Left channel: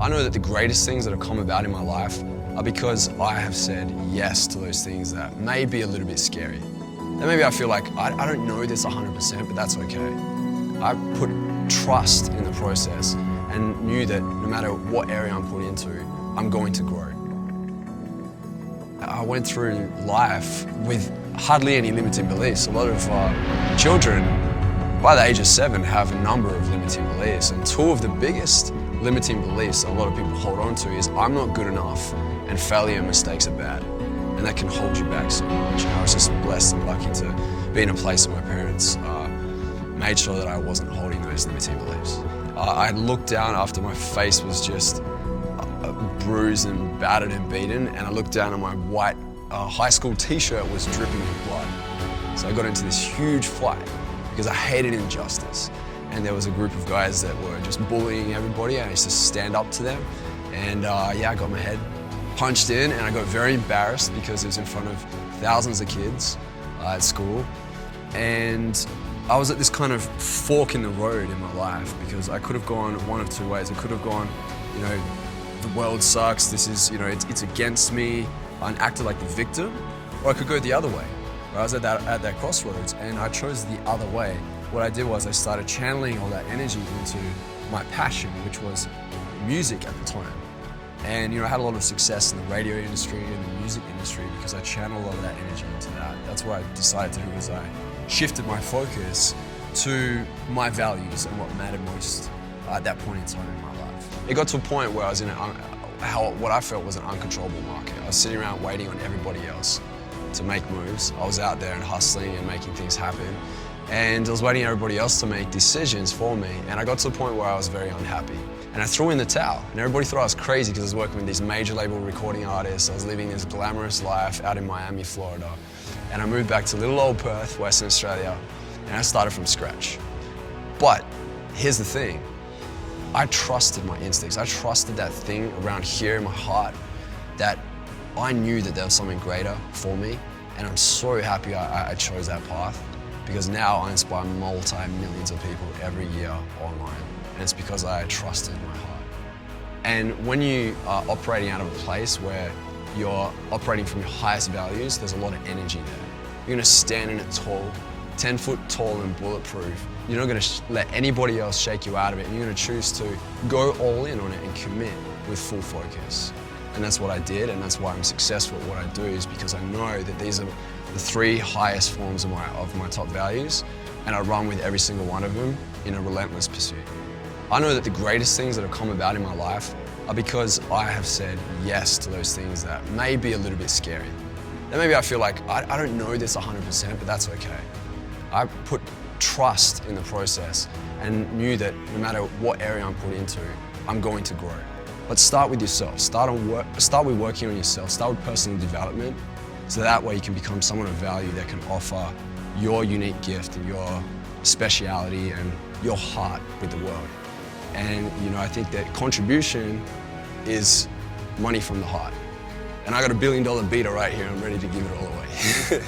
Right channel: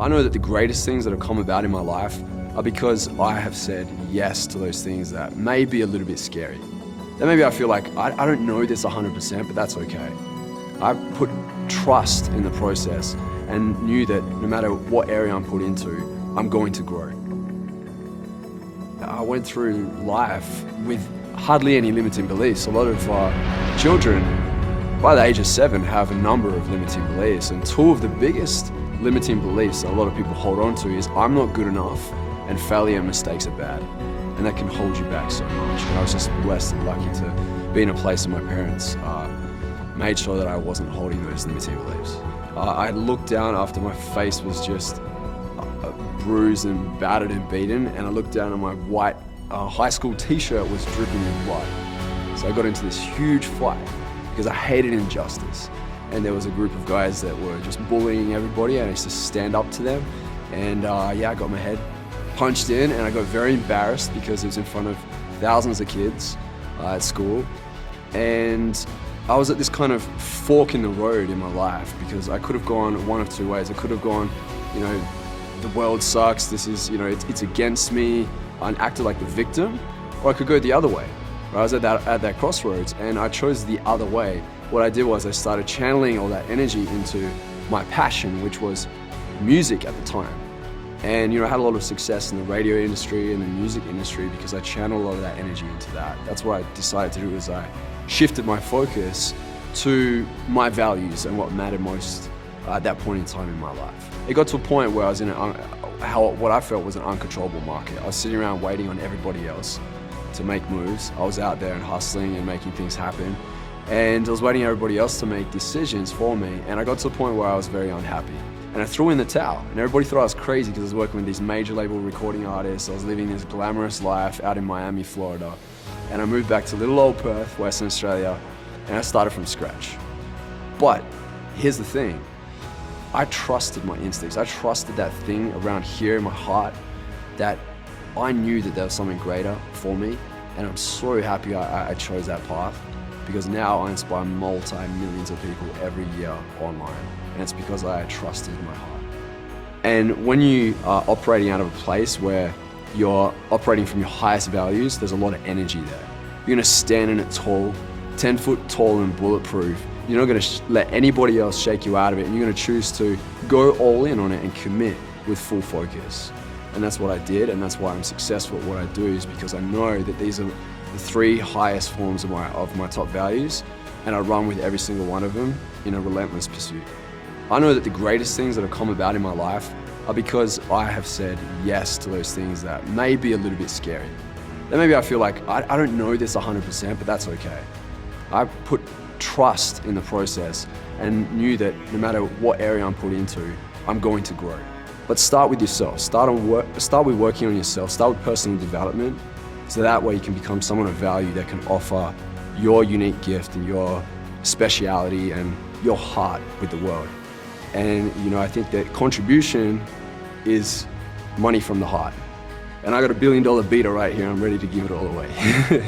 I know that the greatest things that have come about in my life are because I have said yes to those things that may be a little bit scary. And maybe I feel like I don't know this 100%, but that's okay. I put trust in the process and knew that no matter what area I'm put into, I'm going to grow. I went through life with hardly any limiting beliefs. A lot of children, by the age of 7, have a number of limiting beliefs, and two of the biggest limiting beliefs that a lot of people hold on to is I'm not good enough and failure and mistakes are bad, and that can hold you back so much. And I was just blessed and lucky to be in a place where my parents made sure that I wasn't holding those limiting beliefs. I looked down after my face was just bruised and battered and beaten, and I looked down and my white high school t-shirt was dripping with blood. So I got into this huge fight because I hated injustice. And there was a group of guys that were just bullying everybody, and I used to stand up to them. And I got my head punched in, and I got very embarrassed because it was in front of thousands of kids at school. And I was at this kind of fork in the road in my life because I could have gone one of two ways. I could have gone, the world sucks, this is, it's against me, and acted like the victim, or I could go the other way. I was at that crossroads, and I chose the other way. What I did was I started channeling all that energy into my passion, which was music at the time. And I had a lot of success in the radio industry and the music industry because I channeled all of that energy into that. That's what I decided to do, is I shifted my focus to my values and what mattered most at that point in time in my life. It got to a point where I was in what I felt was an uncontrollable market. I was sitting around waiting on everybody else to make moves. I was out there and hustling and making things happen. And I was waiting for everybody else to make decisions for me. And I got to a point where I was very unhappy. And I threw in the towel. And everybody thought I was crazy because I was working with these major label recording artists. I was living this glamorous life out in Miami, Florida. And I moved back to little old Perth, Western Australia, and I started from scratch. But here's the thing. I trusted my instincts. I trusted that thing around here in my heart that I knew that there was something greater for me. And I'm so happy I chose that path, because now I inspire multi-millions of people every year online. And it's because I trusted my heart. And when you are operating out of a place where you're operating from your highest values, there's a lot of energy there. You're gonna stand in it tall, 10 foot tall and bulletproof. You're not gonna let anybody else shake you out of it. And you're gonna choose to go all in on it and commit with full focus. And that's what I did, and that's why I'm successful at what I do, is because I know that these are the 3 highest forms of my top values, and I run with every single one of them in a relentless pursuit. I know that the greatest things that have come about in my life are because I have said yes to those things that may be a little bit scary. And maybe I feel like I don't know this 100%, but that's okay. I put trust in the process and knew that no matter what area I'm put into, I'm going to grow. But start with yourself. Start with working on yourself. Start with personal development, so that way you can become someone of value that can offer your unique gift and your speciality and your heart with the world. And I think that contribution is money from the heart. And I got $1 billion beater right here. I'm ready to give it all away.